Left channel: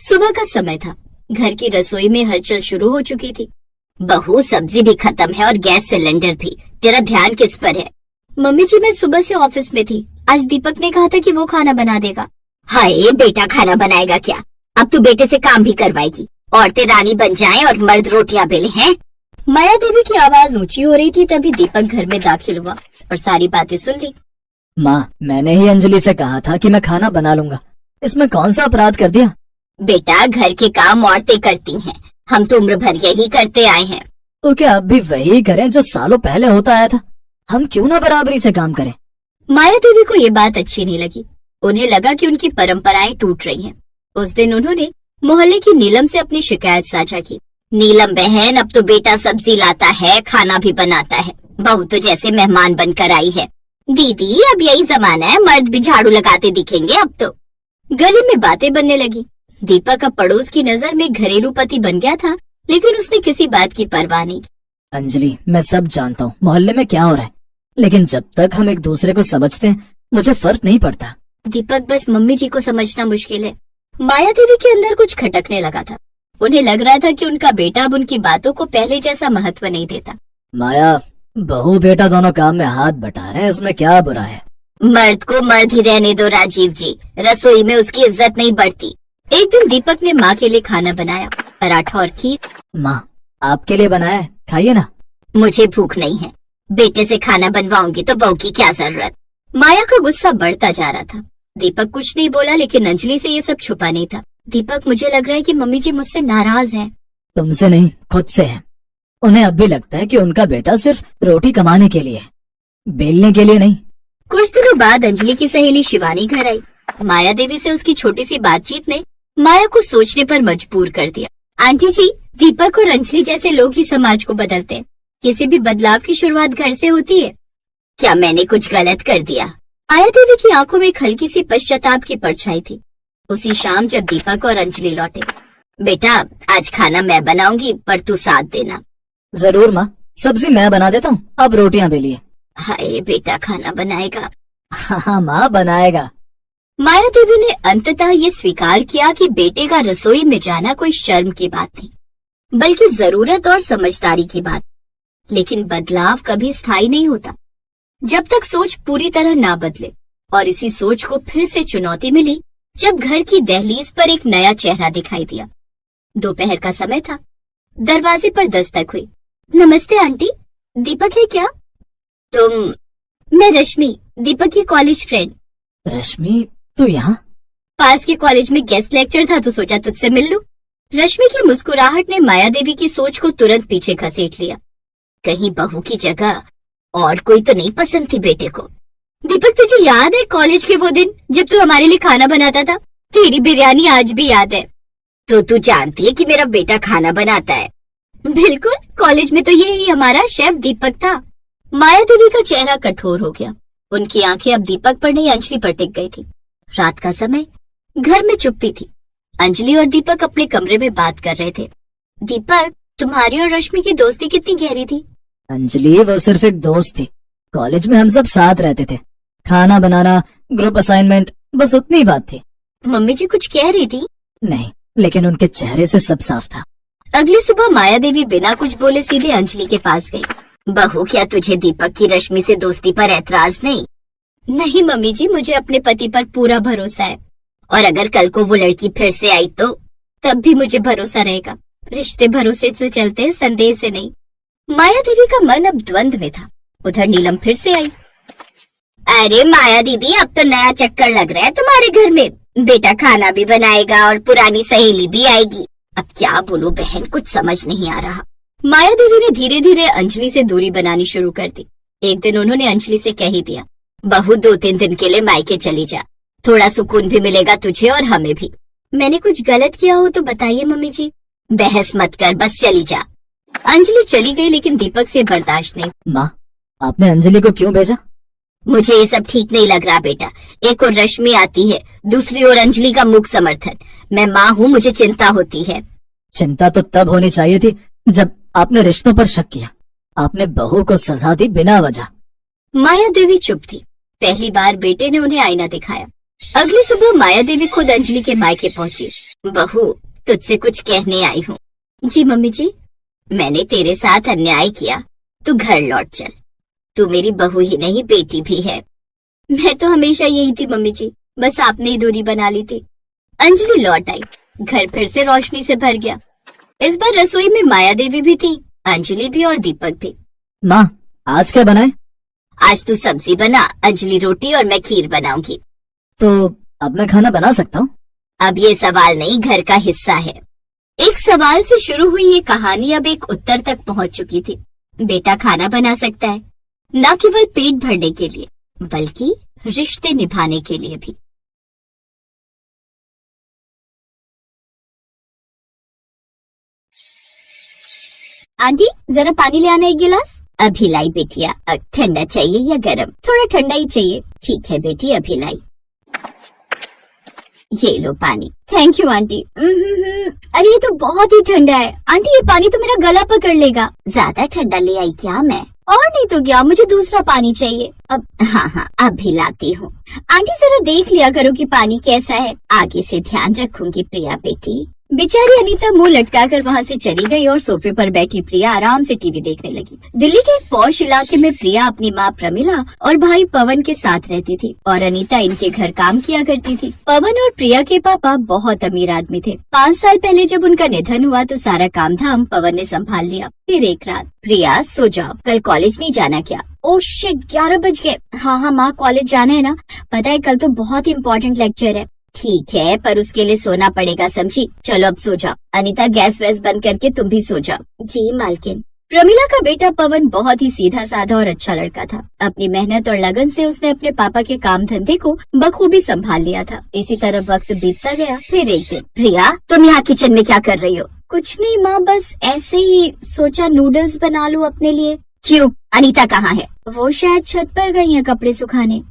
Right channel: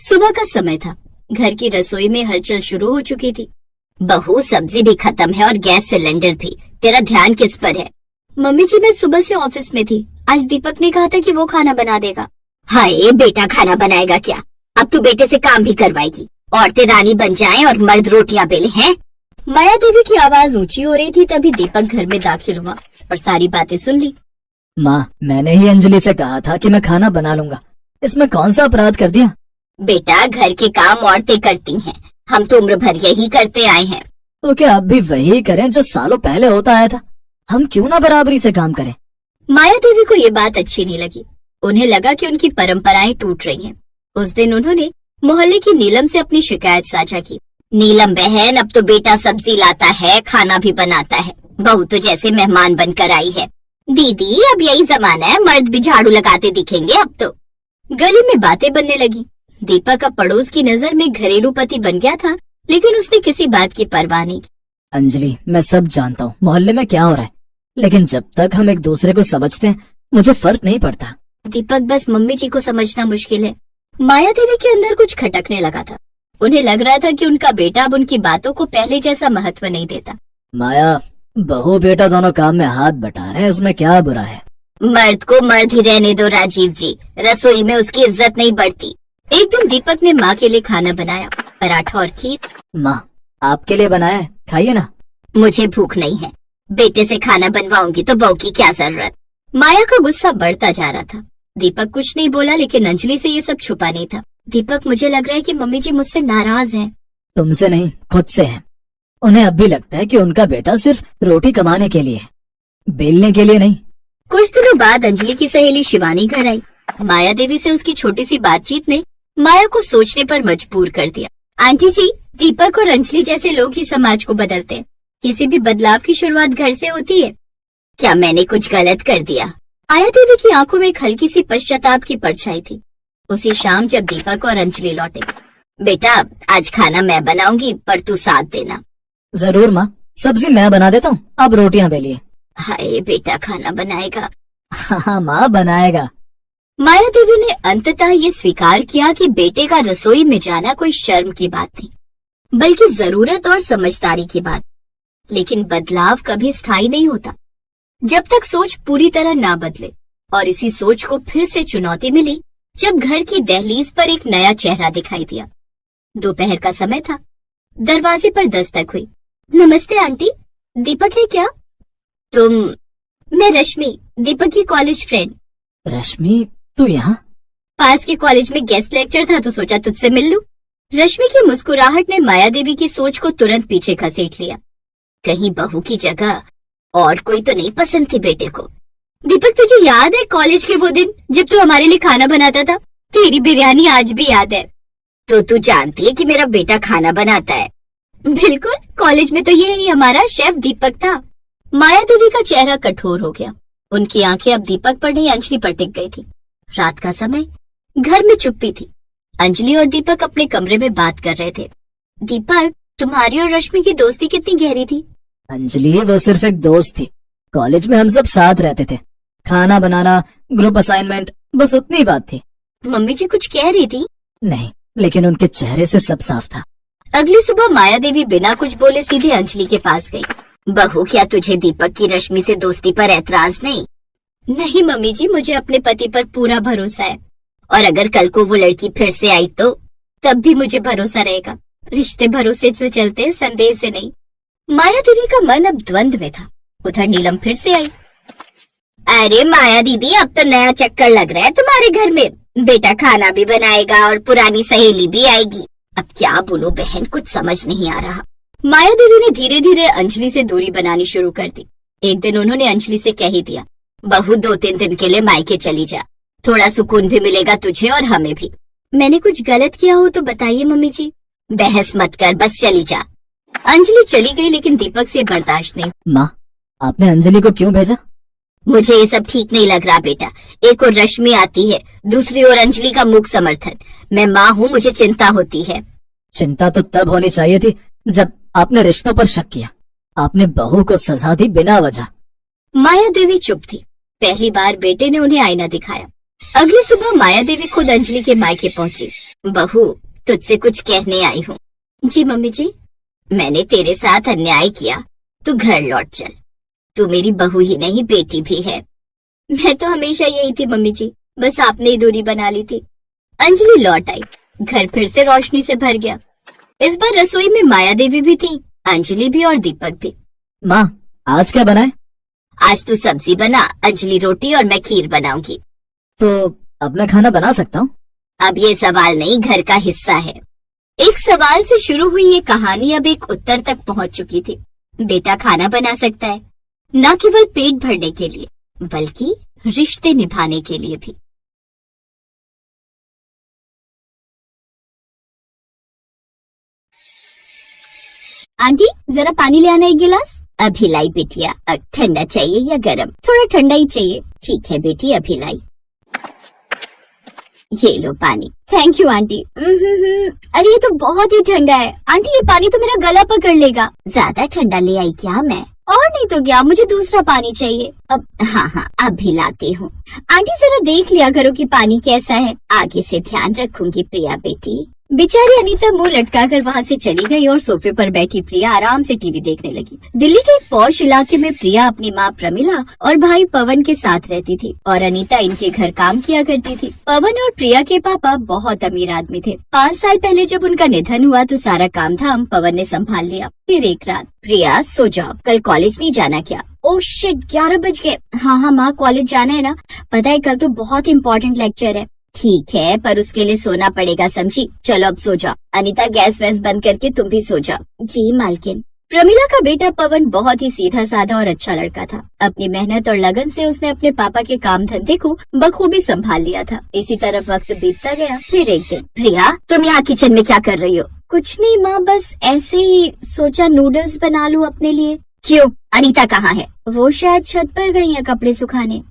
सुबह का समय था। घर की रसोई में हलचल शुरू हो चुकी थी। बहू, सब्जी भी खत्म है और गैस सिलेंडर भी। तेरा ध्यान किस पर है? मम्मी जी, मैं सुबह से ऑफिस में थी। आज दीपक ने कहा था कि वो खाना बना देगा। हाय, बेटा खाना बनाएगा क्या? अब तू बेटे से काम भी करवाएगी। औरतें रानी बन जाएं और मर्द रोटियां बेले हैं। माया देवी की आवाज ऊंची हो रही थी। तभी दीपक घर में दाखिल हुआ और सारी बातें सुन ली। माँ, मैंने ही अंजलि से कहा था कि मैं खाना बना लूंगा। इसमें कौन सा अपराध कर दिया? बेटा, घर के काम औरतें करती हैं। हम तो उम्र भर यही करते आए हैं। तो क्या अब भी वही करें जो सालों पहले होता आया था? हम क्यों ना बराबरी से काम करें? माया देवी को ये बात अच्छी नहीं लगी। उन्हें लगा कि उनकी परंपराएं टूट रही हैं। उस दिन उन्होंने मोहल्ले की नीलम से अपनी शिकायत साझा की। नीलम बहन, अब तो बेटा सब्जी लाता है, खाना भी बनाता है। बहू तो जैसे मेहमान बनकर आई है। दीदी, अब यही जमाना है, मर्द भी झाड़ू लगाते दिखेंगे अब तो। गली में बातें बनने लगी। दीपक अब पड़ोस की नजर में घरेलू पति बन गया था, लेकिन उसने किसी बात की परवाह नहीं की। अंजलि, मैं सब जानता हूँ मोहल्ले में क्या हो रहा है, लेकिन जब तक हम एक दूसरे को समझते हैं मुझे फर्क नहीं पड़ता। दीपक, बस मम्मी जी को समझना मुश्किल है। माया देवी के अंदर कुछ खटकने लगा था। उन्हें लग रहा था कि उनका बेटा अब उनकी बातों को पहले जैसा महत्व नहीं देता। माया, बहू बेटा दोनों काम में हाथ बटा रहे हैं, इसमें क्या बुरा है? मर्द को मर्द ही रहने दो राजीव जी। रसोई में उसकी इज्जत नहीं बढ़ती। एक दिन दीपक ने माँ के लिए खाना बनाया, पराठा और खीर। माँ, आपके लिए बनाया है, खाइए ना। मुझे भूख नहीं है। बेटे से खाना बनवाऊंगी तो बहू की क्या जरूरत? माया का गुस्सा बढ़ता जा रहा था। दीपक कुछ नहीं बोला, लेकिन अंजलि से ये सब छुपा नहीं था। दीपक, मुझे लग रहा है कि मम्मी जी मुझसे नाराज हैं। तुमसे नहीं, खुद से है। उन्हें अब भी लगता है कि उनका बेटा सिर्फ रोटी कमाने के लिए है, बेलने के लिए नहीं। कुछ दिनों बाद अंजलि की सहेली शिवानी घर आई। माया देवी से उसकी छोटी सी बातचीत ने माया को सोचने पर मजबूर कर दिया। आंटी जी, दीपक और अंजलि जैसे लोग ही समाज को बदलते हैं। किसी भी बदलाव की शुरुआत घर से होती है। क्या मैंने कुछ गलत कर दिया? माया देवी की आंखों में एक हल्की सी पश्चाताप की परछाई थी। उसी शाम जब दीपक और अंजलि लौटे। बेटा, आज खाना मैं बनाऊंगी, पर तू साथ देना। जरूर माँ, सब्जी मैं बना देता हूँ, अब रोटियां बेलिए। हाय, बेटा खाना बनाएगा? हाँ माँ, बनाएगा। माया देवी ने अंततः ये स्वीकार किया कि बेटे का रसोई में जाना कोई शर्म की बात नहीं, बल्कि जरूरत और समझदारी की बात। लेकिन बदलाव कभी स्थायी नहीं होता जब तक सोच पूरी तरह ना बदले। और इसी सोच को फिर से चुनौती मिली जब घर की दहलीज पर एक नया चेहरा दिखाई दिया। दोपहर का समय था। दरवाजे पर दस्तक हुई। नमस्ते आंटी, दीपक है क्या? तुम? मैं रश्मि, दीपक की कॉलेज फ्रेंड। रश्मि, तू यहाँ? पास के कॉलेज में गेस्ट लेक्चर था तो सोचा तुझसे मिल लूं। रश्मि की मुस्कुराहट ने माया देवी की सोच को तुरंत पीछे घसीट लिया। कहीं बहू की जगह और कोई तो नहीं पसंद थी बेटे को? दीपक, तुझे याद है कॉलेज के वो दिन जब तू हमारे लिए खाना बनाता था? तेरी बिरयानी आज भी याद है। तो तू जानती है कि मेरा बेटा खाना बनाता है? बिल्कुल, कॉलेज में तो यही हमारा शेफ दीपक था। माया देवी का चेहरा कठोर हो गया। उनकी आंखें अब दीपक पर नहीं अंजलि पर टिक गई थी। रात का समय, घर में चुप्पी थी। अंजलि और दीपक अपने कमरे में बात कर रहे थे। दीपक, तुम्हारी और रश्मि की दोस्ती कितनी गहरी थी? अंजलि, वो सिर्फ एक दोस्त थी। कॉलेज में हम सब साथ रहते थे। खाना बनाना, ग्रुप असाइनमेंट, बस उतनी बात थी। मम्मी जी कुछ कह रही थी? नहीं, लेकिन उनके चेहरे से सब साफ था। अगली सुबह माया देवी बिना कुछ बोले सीधे अंजलि के पास गई। बहू, क्या तुझे दीपक की रश्मि से दोस्ती पर ऐतराज नहीं? नहीं मम्मी जी, मुझे अपने पति पर पूरा भरोसा है। और अगर कल को वो लड़की फिर से आई तो? तब भी मुझे भरोसा रहेगा। रिश्ते भरोसे से चलते हैं, संदेह से नहीं। माया देवी का मन अब द्वंद में था। उधर नीलम फिर से आई। अरे माया दीदी, अब तो नया चक्कर लग रहा है तुम्हारे घर में। बेटा खाना भी बनाएगा और पुरानी सहेली भी आएगी। अब क्या बोलूं बहन, कुछ समझ नहीं आ रहा। माया देवी ने धीरे धीरे अंजलि से दूरी बनानी शुरू कर दी। एक दिन उन्होंने अंजलि से कह ही दिया, बहू 2-3 दिन के लिए मायके चली जा। थोड़ा सुकून भी मिलेगा तुझे और हमें भी। मैंने कुछ गलत किया हो तो बताइए मम्मी जी। बहस मत कर, बस चली जा। अंजलि चली गई, लेकिन दीपक से बर्दाश्त नहीं। माँ, आपने अंजलि को क्यों भेजा? मुझे ये सब ठीक नहीं लग रहा बेटा। एक और रश्मि आती है, दूसरी ओर अंजलि का मूक समर्थन। मैं माँ हूँ, मुझे चिंता होती है। चिंता तो तब होनी चाहिए थी जब आपने रिश्तों पर शक किया। आपने बहू को सजा दी बिना वजह। माया देवी चुप थी। पहली बार बेटे ने उन्हें आईना दिखाया। अगली सुबह माया देवी खुद अंजलि के मायके पहुंची। बहू, तुझसे कुछ कहने आई हूँ। जी मम्मी जी। मैंने तेरे साथ अन्याय किया, तू घर लौट चल। तू मेरी बहू ही नहीं, बेटी भी है। मैं तो हमेशा यही थी मम्मी जी, बस आपने ही दूरी बना ली थी। अंजलि लौट आई। घर फिर से रोशनी से भर गया। इस बार रसोई में माया देवी भी थी, अंजलि भी और दीपक भी। माँ, आज क्या बनाए? आज तू सब्जी बना, अंजलि रोटी और मैं खीर बनाऊंगी। तो अब मैं खाना बना सकता हूँ? अब ये सवाल नहीं, घर का हिस्सा है। एक सवाल से शुरू हुई ये कहानी अब एक उत्तर तक पहुंच चुकी थी। बेटा खाना बना सकता है, न केवल पेट भरने के लिए बल्कि रिश्ते निभाने के लिए भी। आंटी, जरा पानी ले आना एक गिलास। अभी लाई बेटिया। ठंडा चाहिए या गरम? थोड़ा ठंडा ही चाहिए। ठीक है बेटी, अभी लाई। ये लो पानी। Thank you aunty. अरे ये तो बहुत ही ठंडा है आंटी, ये पानी तो मेरा गला पकड़ लेगा। ज्यादा ठंडा ले आई क्या मैं? और नहीं तो क्या, मुझे दूसरा पानी चाहिए। अब हाँ, अभी लाती हूँ। आंटी जरा देख लिया करो कि पानी कैसा है। आगे से ध्यान रखूंगी प्रिया बेटी। बेचारी अनीता मुंह लटकाकर वहाँ से चली गई और सोफे पर बैठी प्रिया आराम से टीवी देखने लगी। दिल्ली के एक पॉश इलाके में प्रिया अपनी माँ प्रमिला और भाई पवन के साथ रहती थी और अनीता इनके घर काम किया करती थी। पवन और प्रिया के पापा बहुत अमीर आदमी थे। 5 साल पहले जब उनका निधन हुआ तो सारा काम धाम पवन ने संभाल लिया। फिर एक रात, प्रिया सो जाओ, कल कॉलेज नहीं जाना क्या? ओह शिट, 11 बज गए। हाँ माँ, कॉलेज जाना है ना। पता है कल तो बहुत इम्पोर्टेंट लेक्चर है। ठीक है, पर उसके लिए सोना पड़ेगा, समझी? चलो अब सो जाओ। अनीता गैस वैस बंद करके तुम भी सो जाओ। जी मालकिन। प्रमिला का बेटा पवन बहुत ही सीधा साधा और अच्छा लड़का था। अपनी मेहनत और लगन से उसने अपने पापा के काम धंधे को बखूबी संभाल लिया था। इसी तरह वक्त बीतता गया। फिर एक दिन, प्रिया तुम यहाँ किचन में क्या कर रही हो? कुछ नहीं माँ, बस ऐसे ही सोचा नूडल्स बना लूं अपने लिए। क्यों? अनीता कहाँ है? वो शायद छत पर गई है कपड़े सुखाने।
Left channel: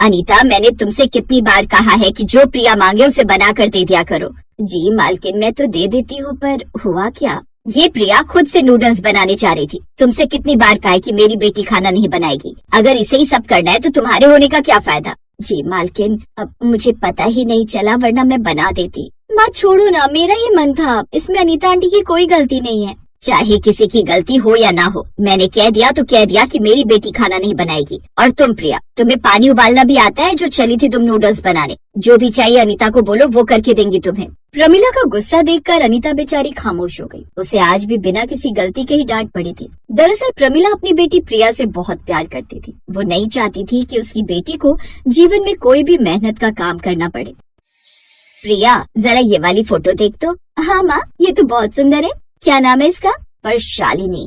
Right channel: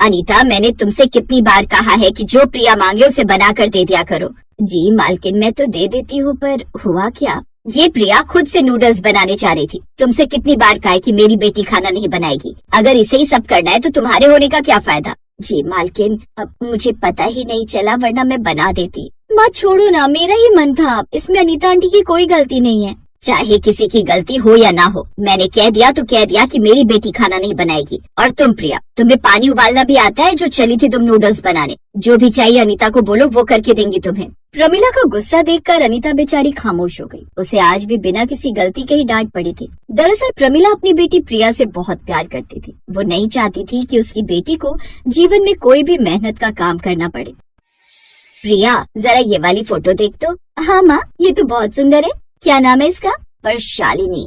अनीता, मैंने तुमसे कितनी बार कहा है कि जो प्रिया मांगे उसे बना कर दे दिया करो। जी मालकिन, मैं तो दे देती हूँ, पर हुआ क्या? ये प्रिया खुद से नूडल्स बनाने जा रही थी। तुमसे कितनी बार कहा है कि मेरी बेटी खाना नहीं बनाएगी। अगर इसे ही सब करना है तो तुम्हारे होने का क्या फायदा? जी मालकिन, अब मुझे पता ही नहीं चला, वरना मैं बना देती। माँ छोड़ो ना, मेरा ही मन था। इसमें अनीता आंटी की कोई गलती नहीं है। चाहे किसी की गलती हो या ना हो, मैंने कह दिया तो कह दिया कि मेरी बेटी खाना नहीं बनाएगी। और तुम प्रिया, तुम्हें पानी उबालना भी आता है जो चली थी तुम नूडल्स बनाने। जो भी चाहिए अनीता को बोलो, वो करके देंगी तुम्हें। प्रमिला का गुस्सा देखकर अनीता बेचारी खामोश हो गई। उसे आज भी बिना किसी गलती के ही डांट पड़ी थी। दरअसल प्रमिला अपनी बेटी प्रिया से बहुत प्यार करती थी। वो नहीं चाहती थी कि उसकी बेटी को जीवन में कोई भी मेहनत का काम करना पड़े। प्रिया, जरा ये वाली फोटो देख तो। हाँ माँ, ये तो बहुत सुंदर है। क्या नाम है इसका? पर शालिनी।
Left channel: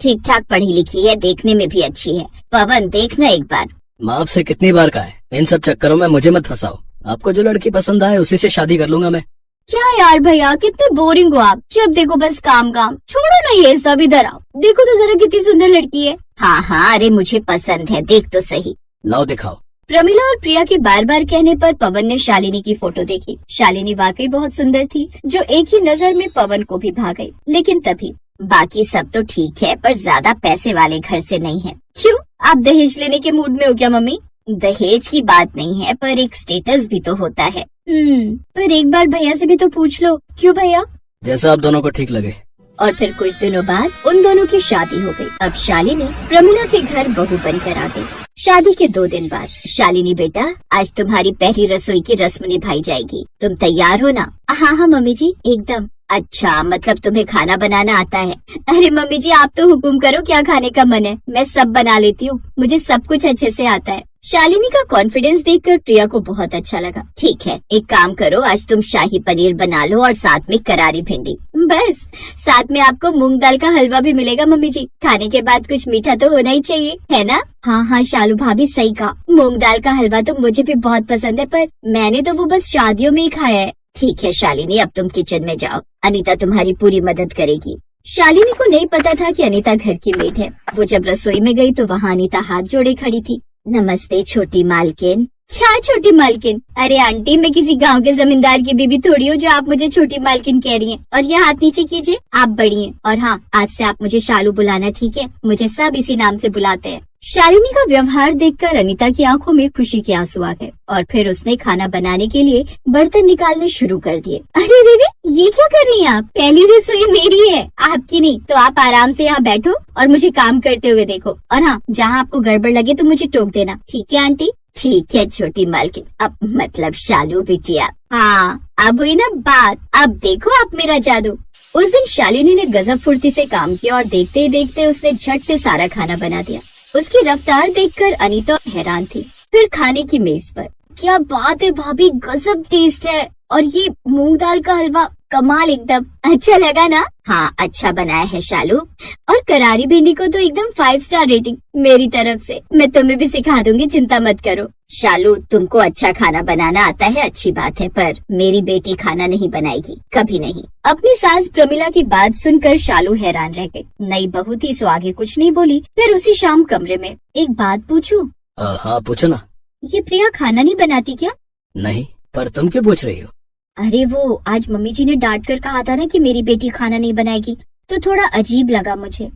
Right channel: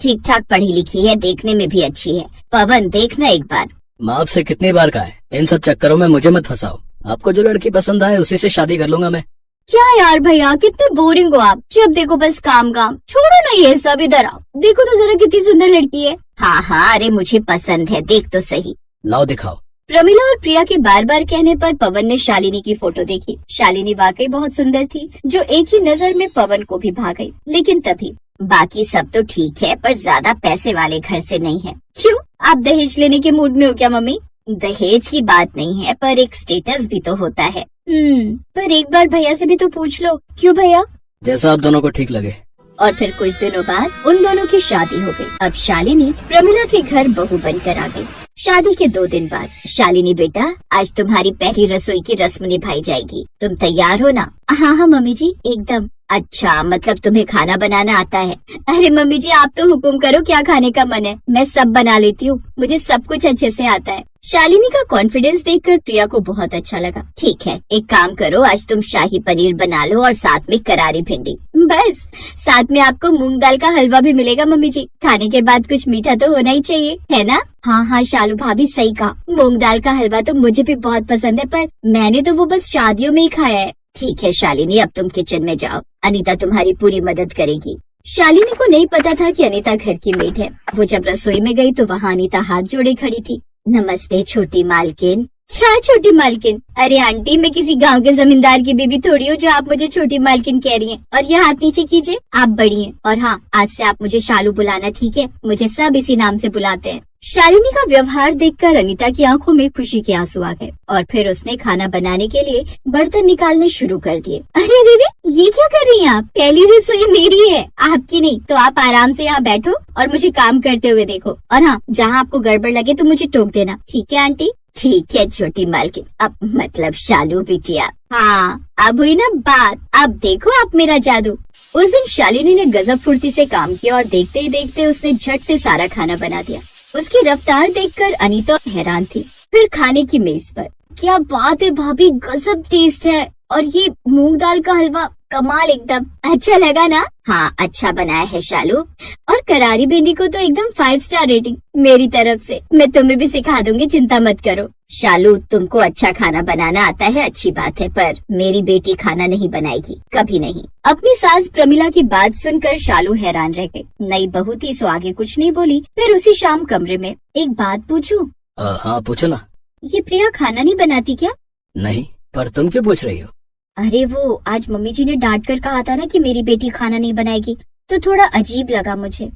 ठीक ठाक पढ़ी लिखी है, देखने में भी अच्छी है। पवन देखना एक बार। माँ आपसे कितनी बार कहा है, इन सब चक्करों में मुझे मत फंसाओ। आपको जो लड़की पसंद आए उसी से शादी कर लूंगा मैं। क्या यार भैया, कितने बोरिंग हो आप। जब देखो बस काम काम। छोड़ो ना ये सब, इधर आओ। देखो तो जरा कितनी सुंदर लड़की है। हाँ, अरे मुझे पसंद है, देख तो सही। लाओ दिखाओ। प्रमिला और प्रिया के बार बार कहने पर पवन ने शालिनी की फोटो देखी। शालिनी वाकई बहुत सुंदर थी, जो एक ही नजर में पवन को भी भा गई। लेकिन तभी, बाकी सब तो ठीक है, पर ज्यादा पैसे वाले घर से नहीं है। क्यों? आप दहेज लेने के मूड में हो क्या मम्मी? दहेज की बात नहीं है, पर एक स्टेटस भी तो होता है। पर एक बार भैया से भी तो पूछ लो। क्यों भैया? जैसा आप दोनों को ठीक लगे। और फिर कुछ दिनों बाद उन दोनों की शादी हो गई। अब शालिनी प्रमिला के घर बहू बनकर आ गई। शादी के 2 दिन बाद, शालिनी बेटा, आज तुम्हारी पहली रसोई की रस्म निभाई जाएगी। तुम तैयार हो ना? हाँ मम्मी जी, एकदम। अच्छा, मतलब तुम्हें खाना बनाना आता है? अरे मम्मी जी, आप तो हुक्म करो, क्या खाने का मन है। मैं सब बना लेती हूँ, मुझे सब कुछ अच्छे से आता है। शालिनी का कॉन्फिडेंस देखकर प्रिया को बहुत अच्छा लगा। ठीक है, एक काम करो, आज तुम शाही पनीर बना लो और साथ में करारी भिंडी। बस, साथ में आपको मूंग दाल का हलवा भी मिलेगा मम्मी जी। खाने के बाद कुछ मीठा तो होना ही चाहिए, है ना? हाँ शालू भाभी, सही कहा। मूंग दाल का हलवा तो मुझे भी बहुत पसंद है, पर मैंने तो वो बस शादियों में ही खाया है। ठीक है शालिनी, अब तुम किचन में जाओ, अनीता तुम्हारी पूरी मदद करेगी। शालिनी को नहीं पता था कि अनीता घर की मेड है। वो जब रसोई में गई तो वहाँ अनीता हाथ जोड़े खड़ी थी। नमस्ते छोटी मालकिन, क्या छोटी मालकिन? अरे आंटी, मैं किसी गांव के जमींदार की बीबी थोड़ी हूँ जो आप मुझे छोटी मालकिन कह रही हैं। और ये हाथ नीचे कीजिए, आप बड़ी हैं। और हाँ, आज से आप मुझे शालू बुलाना, ठीक है? मुझे सब इसी नाम से बुलाते हैं। शालिनी का व्यवहार देखकर अनीता की आंखों में खुशी के आंसू आ गए और फिर उसने खाना बनाने के लिए बर्तन निकालने शुरू कर दिए। अरे रे रे, ये क्या कर रही हैं आप? पहली रसोई मेरी है, आपकी नहीं। तो आप आराम से यहाँ बैठो और मुझे काम करते हुए देखो। और हाँ, जहाँ आपको गड़बड़ लगे तो मुझे टोक देना, ठीक है आंटी? ठीक है छोटी मालकिन, अब मतलब शालू बिटिया। हाँ, अब हुई ना बात। अब देखो आप मेरा जादू। उस दिन शालिनी ने गजब फुर्ती से काम किया और देखते ही देखते उसने झट से सारा खाना बना दिया। उसकी रफ्तार देखकर अनीता हैरान थी। फिर खाने की मेज पर, क्या बात है भाभी, गजब टेस्ट है। और ये मूंग दाल का हलवा कमाल एकदम। अच्छा लगा ना? हाँ, अच्छा बनाया है शालू। और करारी भिंडी को तो एकदम 5 स्टार रेटिंग मेरी तरफ से। मैं तुम्हें भी सिखा दूंगी, चिंता मत करो। शालू, तुमको अच्छा खाना बनाना आता है, अच्छी बात है, पर मेरी बेटी खाना नहीं बनाएगी, कभी नहीं। अपनी सास प्रमिला की बात सुनकर शालू हैरान रह गई। नई बहू थी सो आगे कुछ नहीं बोली। फिर उसी शाम कमरे में, एक बात पूछूं? हाँ पूछो ना। ये प्रिया खाना नहीं बनाती क्या? नहीं, पर तुम क्यों पूछ रही हो? अरे वो आज मम्मी जी ने डांट कर कहा था ना कि मेरी बेटी खाना नहीं बनाएगी, तो थोड़ा अजीब लगा मुझे।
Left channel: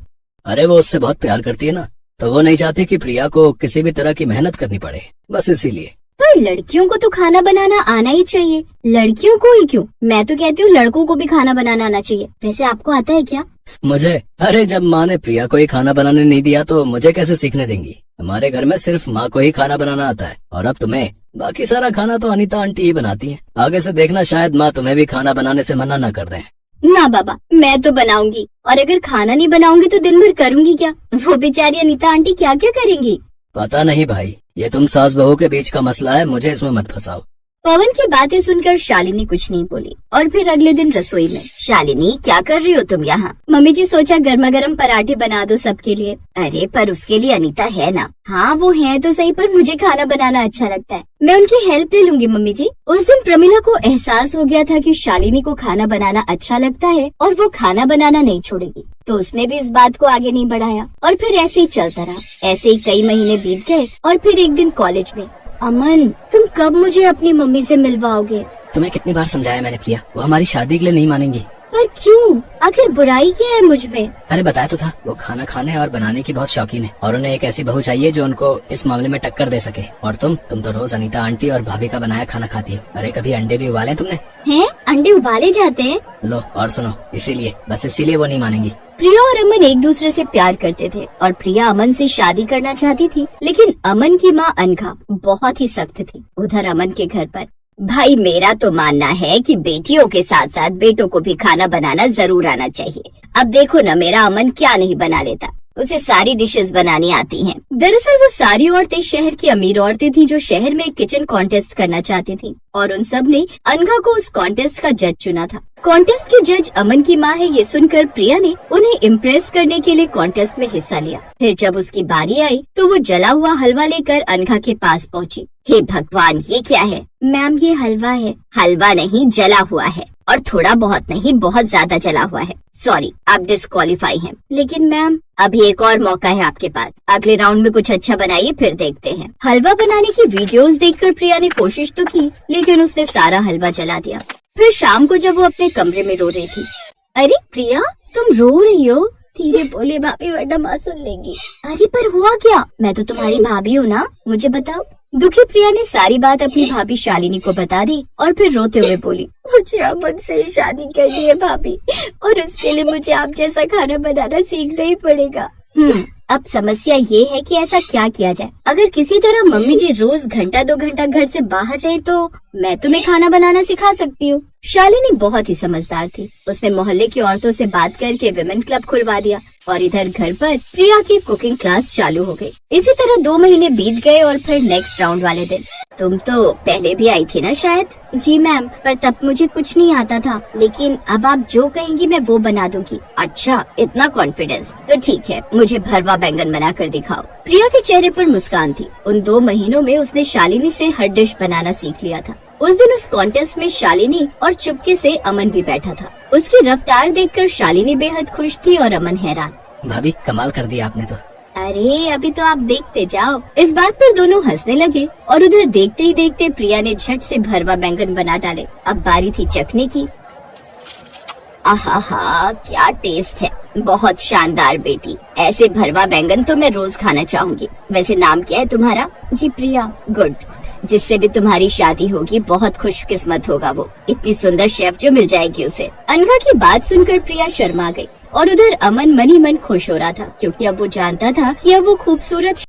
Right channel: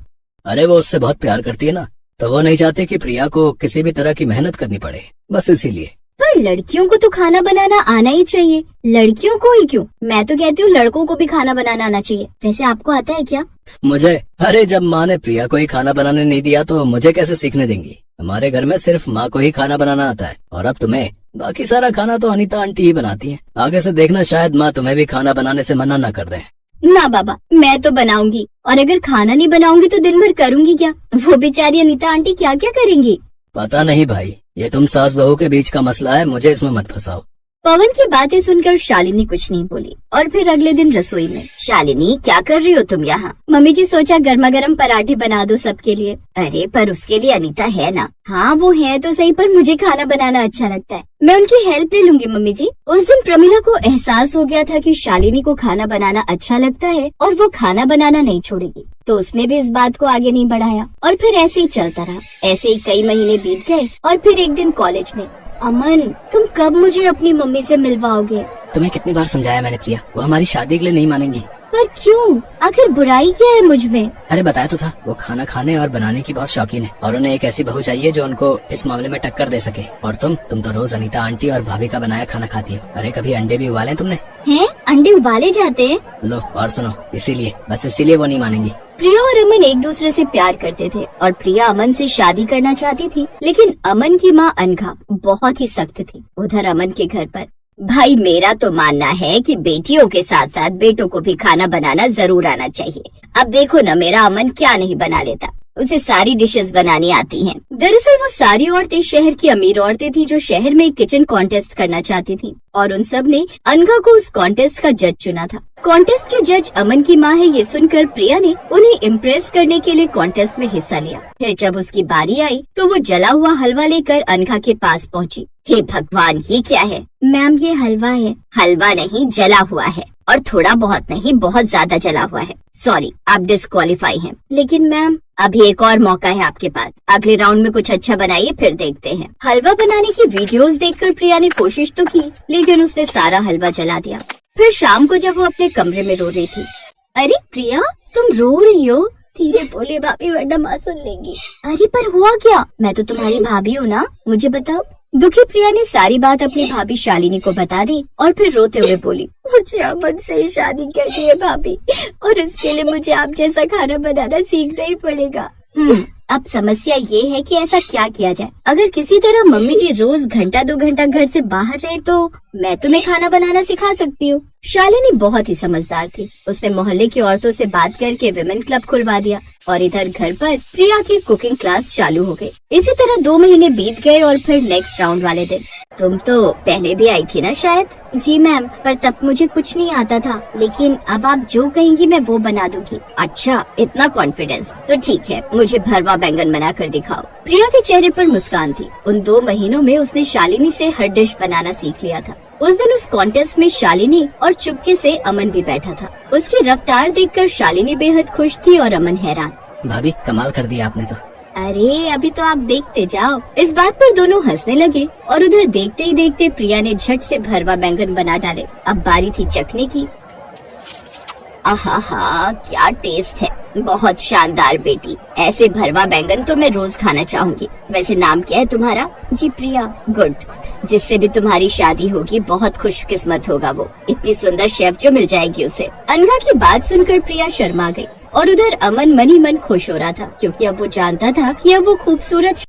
अरे वो उससे बहुत प्यार करती है ना, तो वो नहीं चाहती कि प्रिया को किसी भी तरह की मेहनत करनी पड़े, बस इसीलिए। पर लड़कियों को तो खाना बनाना आना ही चाहिए। लड़कियों को ही क्यों? मैं तो कहती हूँ लड़कों को भी खाना बनाना आना चाहिए। वैसे आपको आता है क्या? मुझे? अरे जब माँ ने प्रिया को ही खाना बनाने नहीं दिया तो मुझे कैसे सीखने देंगी? हमारे घर में सिर्फ माँ को ही खाना बनाना आता है, और अब तुम्हें। बाकी सारा खाना तो अनीता आंटी ही बनाती है। आगे से देखना, शायद माँ तुम्हें भी खाना बनाने से मना न कर दे। ना बाबा, मैं तो बनाऊंगी। और अगर खाना नहीं बनाऊंगी तो दिन भर करूंगी क्या? वो बेचारी अनीता आंटी क्या क्या करेंगी? पता नहीं भाई, ये तुम सास बहू के बीच का मसला है, मुझे इसमें मत फंसाओ। पवन की बातें सुनकर शालिनी कुछ नहीं बोली। और फिर अगले दिन रसोई में, शालिनी, क्या कर रही हो तुम यहाँ? मम्मी जी सोचा गर्मा गर्म पराठे बना दो सबके लिए। अरे पर उसके लिए अनीता है ना। हाँ वो है तो सही, पर मुझे खाना बनाना अच्छा लगता है। मैं उनकी हेल्प ले लूंगी मम्मी जी। उस दिन प्रमिला को एहसास हो गया था कि शालिनी को खाना बनाना अच्छा लगता है और वो खाना बनाना नहीं छोड़ेगी, तो उसने भी इस बात को आगे नहीं बढ़ाया। और फिर ऐसे ही चलता रहा। ऐसे ही कई महीने बीत गए और फिर एक दिन कॉलेज में, अमन तुम कब मुझे अपनी मम्मी से मिलवाओगे? तुम्हें कितनी बार समझाया मैंने प्रिया, वो हमारी शादी के लिए नहीं मानेंगी। पर क्यों? आखिर बुराई क्या है मुझ में? अरे बताया तो था, वो खाना खाने और बनाने की बहुत शौकीन है और उन्हें एक ऐसी बहू चाहिए जो उनको इस मामले में टक्कर दे सके। और तुम तो रोज अनीता आंटी और भाभी का बनाया खाना खाती हो। अरे कभी अंडे भी उबाले तुमने? हैं? अंडे उबाले जाते हैं? लो और सुनो, इसीलिए वो नहीं मानेंगी। प्रिया और अमन एक दूसरे से प्यार करते थे और प्रिया अमन से शादी करना चाहती थी, लेकिन अमन की माँ अनघा बहुत ही सख्त थी। उधर अमन के घर पर, भाई मेरा तो मानना है कि बेटियों के साथ साथ बेटों को भी खाना बनाना जरूर आना चाहिए। अब देखो ना, मेरा अमन क्या नहीं बना लेता, उसे सारी डिशेस बनानी आती हैं। दरअसल वो सारी औरतें शहर की अमीर औरतें थी जो शहर में एक किचन कॉन्टेस्ट करना चाहती थी और उन सब ने अनघा को उस कॉन्टेस्ट का जज चुना था। कॉन्टेस्ट के जज अमन की माँ है, ये सुनकर प्रिया ने उन्हें इम्प्रेस करने के लिए कॉन्टेस्ट में हिस्सा लिया। फिर जब उसकी बारी आई तो वो जला हुआ हलवा लेकर अनघा के पास पहुँची। हे भगवान, ये क्या है? मैम ये हलवा है। हलवा नहीं, जला हुआ है, और थोड़ा बहुत नहीं, बहुत ज्यादा जला हुआ है। सॉरी, आप डिस्क्वालीफाई हैं। लेकिन मैम, अभी एक और मौका है आपके पास, अगले राउंड में कुछ अच्छा बनाइए, फिर देखते हैं। हलवा बनाने की वीडियोस देखकर प्रिया ने कोशिश तो की, लेकिन उसने सारा हलवा जला दिया। फिर शाम को जब वो अपने कमरे में रो रही थी, अरे प्रिया तुम रो रही हो? धीरे बोले भाभी, वरना माँ सुन लेंगी। अरे पर हुआ क्या? मैं तो तुम्हारी भाभी हूँ ना, मुझे बताओ। दुखी प्रिया ने सारी बात अपनी भाभी शालिनी को बता दी और फिर रोते हुए बोली, मुझे अमन से ही शादी करनी है भाभी, और इसके लिए मुझे आप जैसा खाना बनाना सीखना ही पड़ेगा। अब समस्या ये है कि ऐसा क्या किया जाए। अगर किसी तरह मम्मी जी रोज घंटा 2 घंटा घर से बाहर रहे तो मैं तुम्हें खाना बनाना सिखा सकती हूँ। शालिनी बहुत ही समझदार थी। उसने मोहल्ले की औरतों से बात करके विमेन क्लब खुलवा दिया और इधर घर पर प्रिया की कुकिंग क्लास चालू हो गई। इसी तरह 2 महीने बीत गए और फिर नेक्स्ट राउंड वाले दिन, तुम तो पहले भी आई थी ना शायद? जी मैम, पर तब मुझे कुछ नहीं आता था, लेकिन अब आप जो कहेंगी मैं वो बना दूंगी। अच्छा, इतना कॉन्फिडेंस? तो ठीक है, मुझे भरवा बैंगन बना कर दिखाओ। प्रिया के चेहरे पर मुस्कान थी। उन 2 महीनों में उसने शालिनी से हर डिश बनाना सीख लिया था। उस दिन उस कॉन्टेस्ट में शालिनी और चुपके से अमन भी बैठा था। उसकी रफ्तार देखकर शालिनी बेहद खुश थी और अमन हैरान। भाभी कमाल कर दिया आपने तो। अरे अभी तो आप देखते जाओ। इस बात पर दोनों हंसने लगे और उधर देखते ही देखते प्रिया ने झट से भरवा बैंगन बना डाले। अब बारी थी चखने की। आहा, क्या टेस्ट है, बहुत शानदार बेटी। ऐसे भरवा बैंगन तो मैं रोज खाना चाहूंगी। वैसे नाम क्या है तुम्हारा? जी प्रिया। गुड, जिससे भी तुम्हारी शादी होगी बहुत खुशकिस्मत होगा वो। इतनी सुंदर शेफ जो मिल जाएगी उसे। अनघा की बात सुनकर प्रिया शर्मा गई और उधर अमन मन ही मन खुश हो रहा था, क्योंकि अब वो जानता था कि अब वो खूबसूरत